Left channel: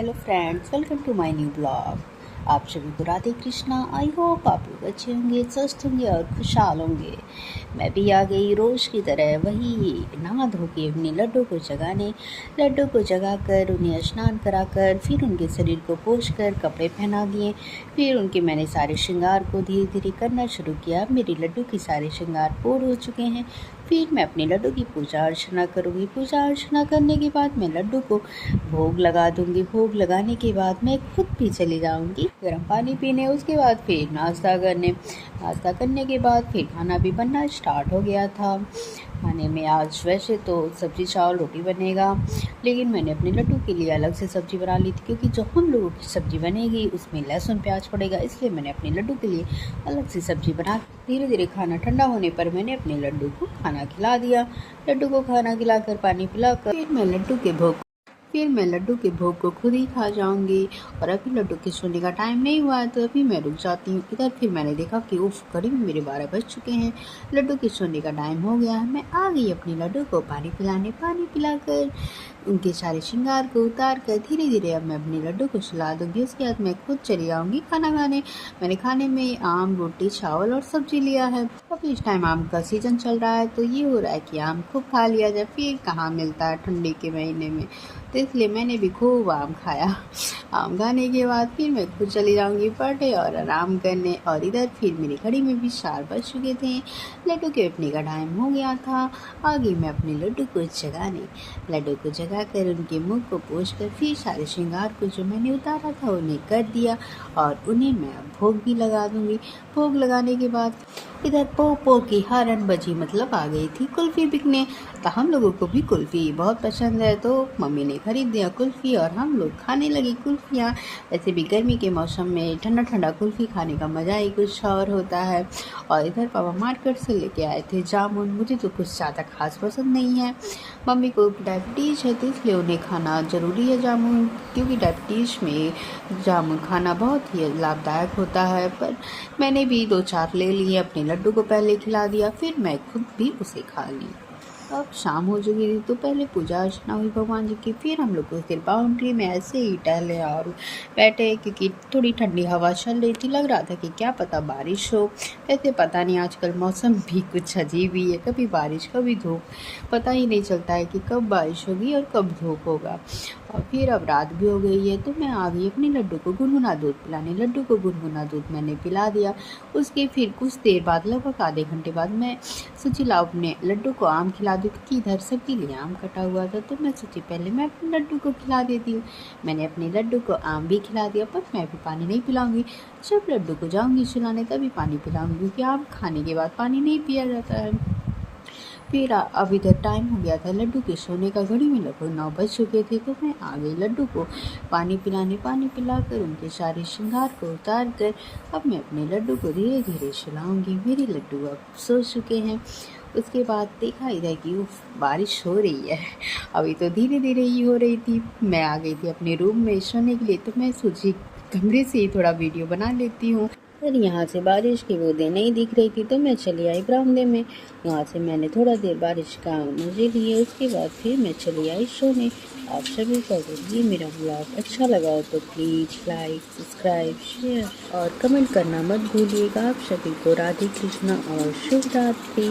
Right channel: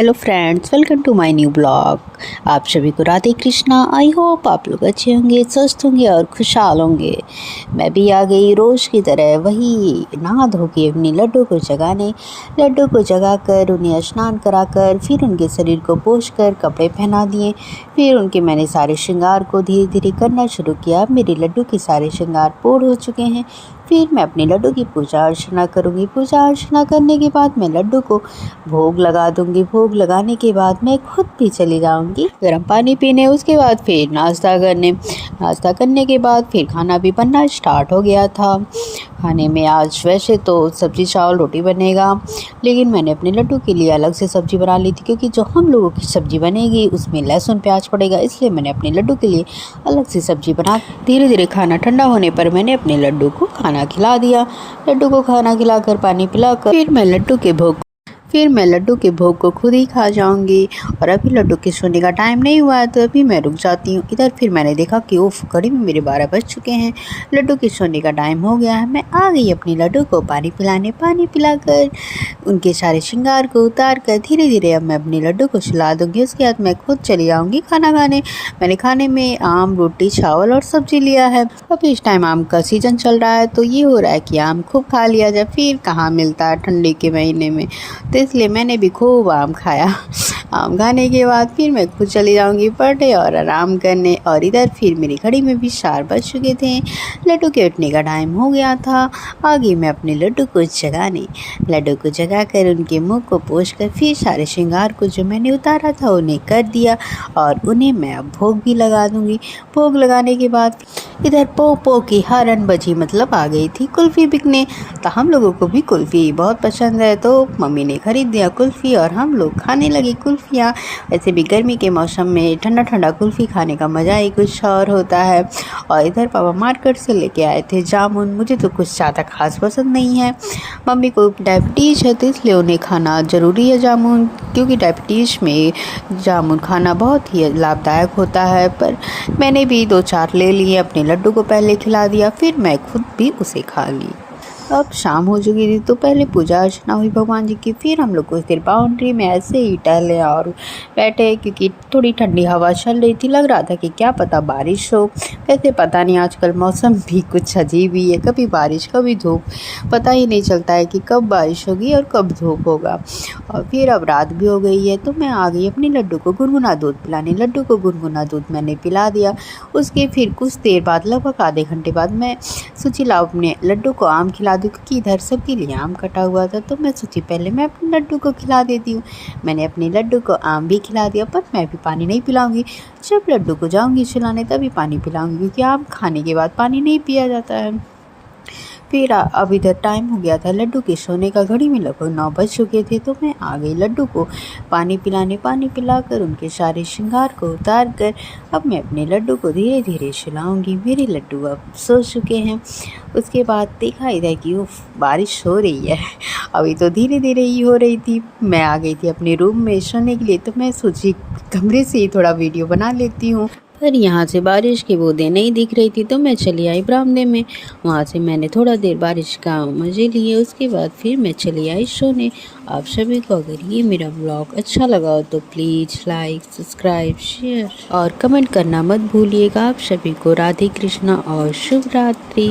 Hello friends, welcome to my new blog. आप सभी को राधे कृष्णा। आई होप आप लोग अच्छे होंगे, स्वस्थ होंगे और खुशहाल होंगे। मैं भी आ गई रोज़ की तरह वही नहा धो के अपनी लड्डू को जगाने। लड्डू को जगा कर उन्हें स्नान कराकर फिर उनके शरीर को पोंछ कर कपड़े पहना दिए। फिर उनके मैंने सारे श्रृंगार को धीरे धीरे करना शुरू किया। मेरे लड्डू के सारे श्रृंगार पूर्ण हो चुके हैं। फिर मैं अपने लड्डू की पूजा अर्चना करूँगी। पूजा अर्चना करने के बाद मैं लड्डू को भोग लगा दूँगी। भोग लगाने के बाद मैं खुद भी चली जाऊँगी गर्म पानी पीने। उसके बाद फिर नाश्ता करने। नाश्ता करने के बाद फिर खाना भी बनना स्टार्ट हो गया था। खाने में आज वैसे तो सब्ज़ी चावल रोटी बनेगा, लेकिन मैंने अपने लड्डू के लिए अलग से सब्ज़ी बना ली थी, क्योंकि जो हम लोगों की सब्ज़ी बनेगी उसमें लहसुन प्याज पड़ेगा, इसलिए मैंने अपने लड्डू के लिए अलग से सब्ज़ी बना। धीरे धीरे खाना ठंडा होने पर मैंने अपने लड्डू को खाना खिला दिया। लड्डू को खाना खिलाकर पानी पिलाकर फिर मैं लड्डू के भोग को खुद ही खा जाऊंगी। और अभी लड्डू के सोने का टाइम नहीं हुआ है, तो अभी मैं रुक जाती हूँ। इधर फिर मैंने देखा कि उफ, घड़ी में मेरे 12 बज चुके हैं, लड्डू के सोने का टाइम हो गया है। मैं आ गई अपनी लड्डू को पानी पिलाने। पानी पिलाकर उनके सारे श्रृंगार को उतार कर धीरे धीरे अब मैं अपनी लड्डू को सुला दूँगी। उसके बाद मैं खुद चली आऊँगी खाना खाने। मैंने खाने में आम, रोटी, चावल और सब्ज़ी लिया है। अभी इस टाइम आम का सीज़न चल रहा है, तो ये हो रहा है कि आम खूब खा लिया जाए। फिर कहाँ मिलता है ठंडी के महीने में, तो इसलिए मैंने भी खूब आम खाया। आम खाने के बाद फिर मैं खुद चली जाऊंगी पढ़ने और आराम करने। और इधर फिर मेरी घड़ी में भी 4 बज चुके थे, लड्डू के उठने का टाइम हो गया था। आगे मैं अपने लड्डू को जगाने। लड्डू को जगा कर उनके मुँह को पोंछ कर फिर सारे श्रृंगार को जो मैंने उतारा था उन्हें कर दिया, और उन्हें मैं अब भोग भी लगा दूँगी। भोग लगाने के बाद इधर पो की हरन बजी, मतलब आ गई थी कुल्फ़ी बिकने। तो हम लोगों को भी कुल्फ़ी बहुत पसंद है, तो मम्मी ने खरीद दिया कुल्फ़ी और हम लोग खाने लगे कुल्फ़ियाँ। वैसे भी गर्मी के मौसम में ठंडा ठंडा कुल्फ़ी खाने का मज़ा ही कुछ और होता है। और इधर पापा मार्केट से लेके आए थे जामुन। मुझे तो कुछ ज़्यादा खास पसंद नहीं है। मम्मी को डायबिटीज़ है, तो इसलिए उन्हें खाना ज़रूरी है जामुन, क्योंकि डायबिटीज़ में जामुन खाना बहुत ही लाभदायक होता है। पर मैंने भी 2-4 ले लिए। अपने लड्डू को पहले खिला दिया, फिर मैं खुद भी उसे खा ली। अब शाम हो चुकी थी, तो पहले पूजा अर्चना हुई भगवान जी की। फिर हम लोग कुछ देर बाउंड्री में ऐसे ही टहले और बैठे, क्योंकि थोड़ी ठंडी हवा चल रही थी। लग रहा था कि क्या पता बारिश हो। वैसे पता नहीं, आजकल मौसम भी कुछ अजीब ही है, कभी बारिश कभी धूप, पता ही नहीं चलता है कि कब बारिश होगी और कब धूप होगा। और फिर अब रात भी हो गई है, तो मैं आ गई अपने लड्डू को गुनगुना दूध पिलाने। लड्डू को गुनगुना दूध मैंने पिला दिया। उसके फिर कुछ देर बाद, लगभग आधे घंटे बाद, मैं सोची लाओ अपने लड्डू को आम खिला दूँ, क्योंकि इधर सबके लिए आम कटा हुआ था। तो मैं सोची पहले मैं अपने लड्डू को खिला देती हूँ। मैंने अपने लड्डू को आम भी खिला दिया, पर मैं भी पानी नहीं पिलाऊंगी। जब लड्डू को जाऊंगी सुलाने तभी पानी पिलाऊंगी, क्योंकि आम खाने के बाद पानी नहीं पिया जाता है। फिर अब इधर टाइम हो गया था लड्डू के सोने का। घड़ी में लगभग 9 बज चुके थे, तो मैं आ गई लड्डू को पानी पिलाने। पानी पिलाकर उनके सारे श्रृंगार को उतार कर अब मैं अपने लड्डू को धीरे धीरे सुलाऊंगी। मेरे लड्डू अब सो चुके हैं। उसके बाद देखा इधर कि उफ, बारिश हो रही है। अभी तो धीरे धीरे ही हो रही थी। मैं आ गई थी अपने रूम में सोने के लिए, तो मैं सोची कमरे से ही थोड़ा वीडियो बना लेती हूँ। पर यहाँ से बारिश की बूंदें नहीं दिख रही थी, तो मैं चली आई बरामदे में। वहाँ से मैंने थोड़ा देर बारिश का मज़े लिए। उसके बाद फिर मैं चली आई सोने। आप सभी को अगर ये मेरा ब्लॉग अच्छा लगा हो, तो प्लीज़ लाइक, सब्सक्राइब, शेयर और कमेंट करना मत भूलिएगा। आप सभी को राधे कृष्णा और शुभ रात्रि।